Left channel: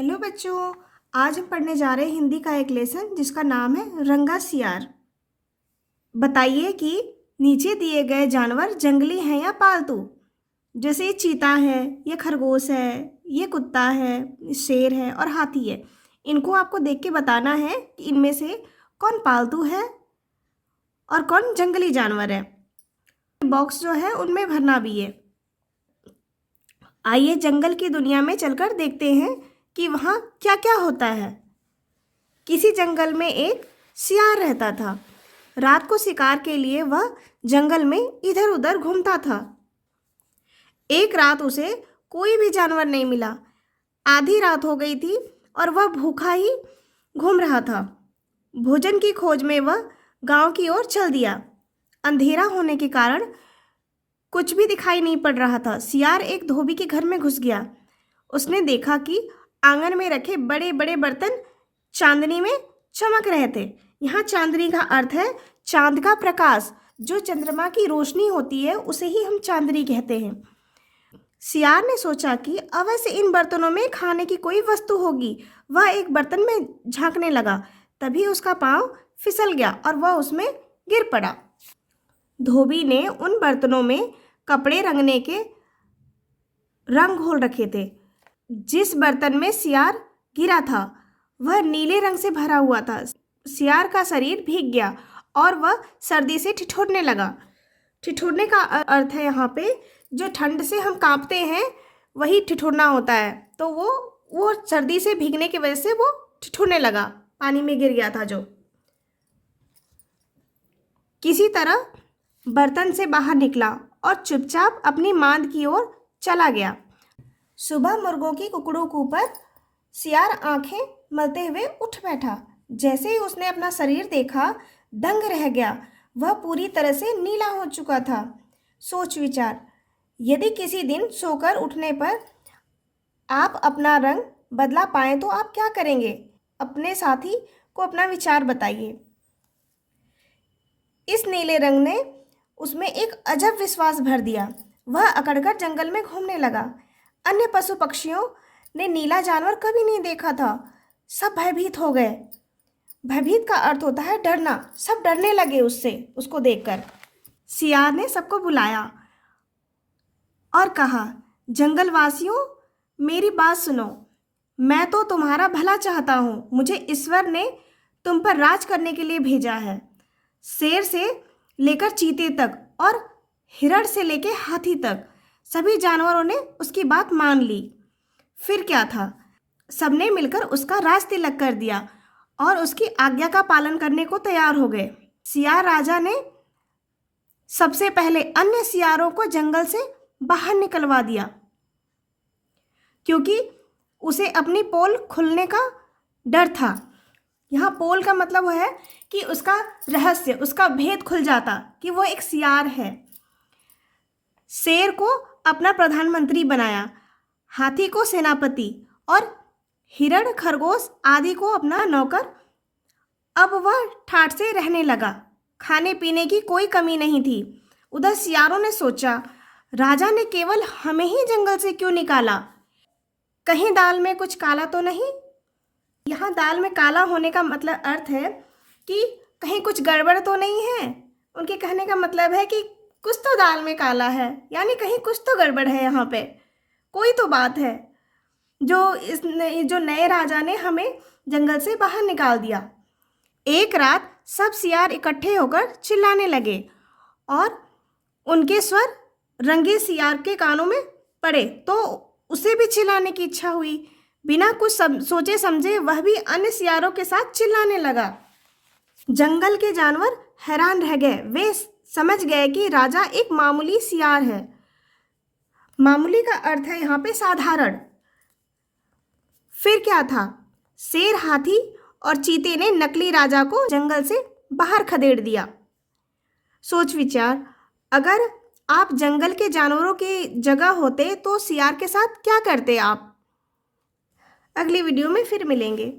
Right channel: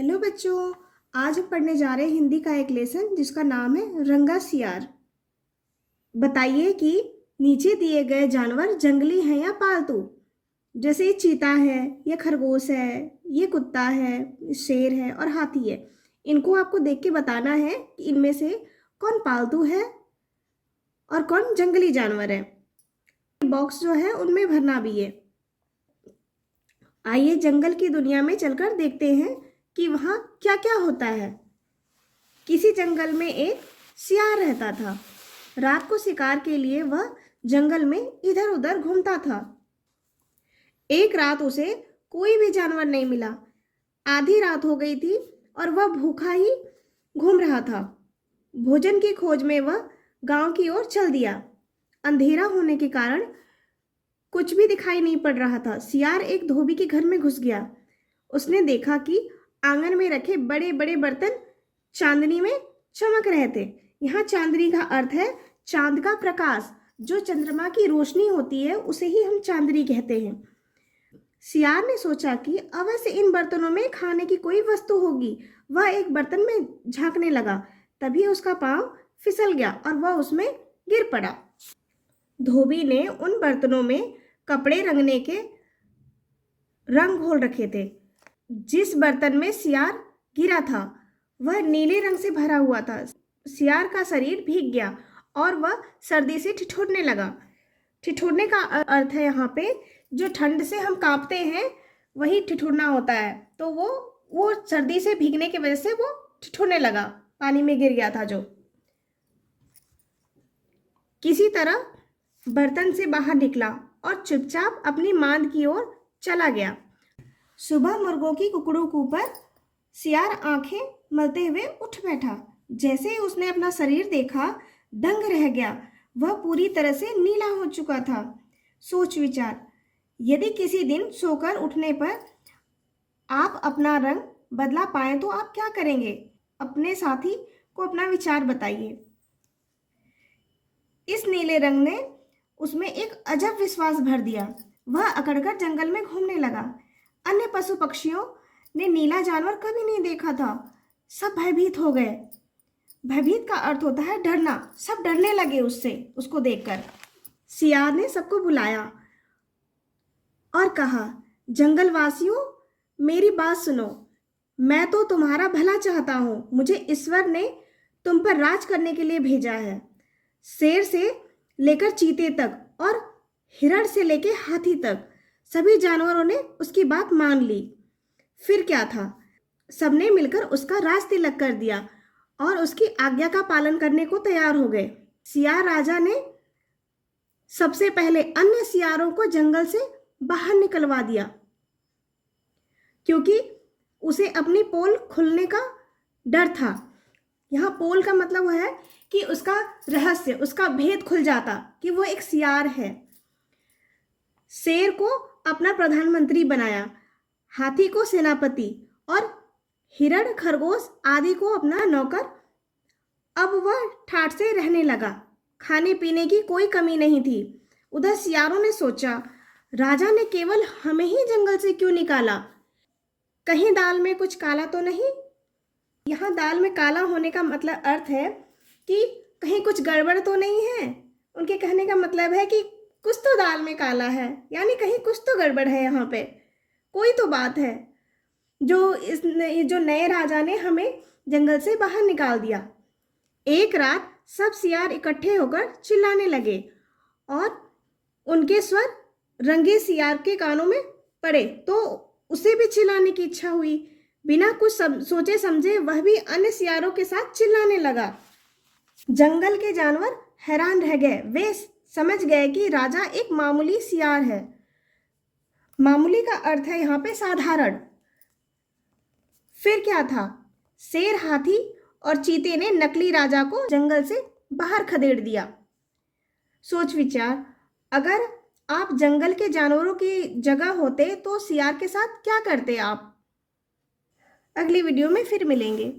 Hello बच्चों, आज हम पढ़ने जा रहे हैं हिंदी का एक लेसन जिसका नाम है रंगा सियार। बताइए कि नीचे दिए गए जानवर जंगली हैं या पालतू। जैसे ये चीता है, ये खरगोश है, ये कुत्ता है, शेर है और हाथी है। इनको आपको देख के बताना है कि इनमें से कौन पालतू है और कौन जंगली जानवर है। बॉक्स जो है उनमें भरना भी है। आइए जंगल की दुनिया में चलकर देखते हैं कि वहाँ क्या क्या होता है। किसी जंगल में एक सियार रहता था। रात को शिकार के लिए वह जंगल में इधर उधर घूमता था। एक रात उसे कोई भी जानवर नहीं मिला। आधी रात हो गई थी और वह भूखा ही घूम रहा था। भोजन की खोज में वह गांव की ओर चल दिया। अंधेरा होने के कारण कुछ भी दिखाई नहीं पड़ रहा था। सियार एक धोबी के घर में घुस गया। उसने देखा कि आंगन में रखे बड़े बड़े बर्तन चांदनी में चमक रहे थे। यहाँ चांदनी का अर्थ है चांद का प्रकाश। जो चंद्रमा की रोशनी होती है उसे ही हम चांदनी कहते हैं। सियार ने सोचा कि अवश्य इन बर्तनों में खाने की कोई वस्तु होगी। वह एक बर्तन में झांकने लगा। तभी उसका पांव फिसल गया और वह उसमें गिर पड़ा। धोबी ने उन बर्तनों में कपड़े रंगने के रंग घोल रखे थे। जिस बर्तन में सियार गिरा था वह नीले रंग से भरा हुआ था। सियार का शरीर भीग गया और वह सर्दी से ठिठुरने लगा। ठिठुरने का अर्थ है यहाँ पे जो ठंड से हम कांपते हैं वही ठिठुरना होता है। तो वो सर्दी से भीगने की वजह से वो ठिठुरने लगा, पानी में गिर गया था जो। किसी तरह बर्तन से बाहर निकला और चुपचाप अपनी मांद की ओर चला गया। सुबह मुर्गों की कुकड़ू पर सियार आंखें मलते हुए उठ बैठा। जैसे ही उसने अपना शरीर देखा दंग रह गया। वह पूरी तरह से नीला हो चुका था। सोच विचार, यदि किसी दिन सोकर उठने पर आप अपना रंग बदला पाएं तो आप क्या करेंगे? अपने साथी को अपना विचार बताइए। इस नीले रंग ने उसमें एक अजब विश्वास भर दिया। वह अकड़कर जंगल में घूमने लगा। अन्य पशु पक्षियों ने नीला जानवर कभी नहीं देखा था। सब भयभीत हो गए। भयभीत का अर्थ होता है डरना। सब डरने लगे उसको देखकर। सियार ने सबको बुलाया और कहा, जंगलवासियों, मेरी बात सुनो। मैं तो तुम्हारा भला चाहता हूँ। मुझे ईश्वर ने तुम पर राज करने के लिए भेजा है। शेर से लेकर चीते तक और हिरण से लेकर हाथी तक सभी जानवरों ने उसकी बात मान ली। फिर क्या था, सबने मिलकर उसका राज तिलक कर दिया और उसकी आज्ञा का पालन करने को तैयार हो गए। सियार राजा ने सबसे पहले अन्य सियारों को जंगल से बाहर निकलवा दिया, क्योंकि उसे अपनी पोल खुलने का डर था। यहाँ पोल का मतलब वो है कि उसका रहस्य, उसका भेद खुल जाता कि वो एक सियार है। शेर को अपना प्रधानमंत्री बनाया, हाथी को सेनापति और हिरण खरगोश आदि को अपना नौकर। अब वह ठाठ से रहने लगा। खाने पीने की कोई कमी नहीं थी। उधर सियारों ने सोचा, राजा ने केवल हमें ही जंगल से क्यों निकाला? कहीं दाल में कुछ काला तो नहीं? यहाँ दाल में काला होने का मतलब अर्थ है कि कहीं कुछ गड़बड़ तो नहीं है। उनके कहने का मतलब है कि कुछ तो दाल में काला है, यानी कहीं कुछ तो गड़बड़ है। यहाँ पे कोई तो बात है जो नए राजा ने हमें जंगल से बाहर निकाल दिया। एक रात सब सियार इकट्ठे होकर चिल्लाने लगे और उनके स्वर रंगे सियार के कानों में पड़े तो उसे भी चिल्लाने की इच्छा हुई। बिना कुछ सोचे समझे वह भी अन्य सियारों के साथ चिल्लाने लगा। जंगल के जानवर हैरान रह गए। वे समझ गए कि राजा एक मामूली सियार है। मामूली का अर्थ है यहाँ पे साधारण। फिर क्या था, शेर, हाथी और चीते ने नकली राजा को जंगल से बाहर खदेड़ दिया। सोच विचार, अगर आप जंगल के जानवरों की जगह होते तो सियार के साथ क्या करते आप? अगली वीडियो में फिर मिलेंगे।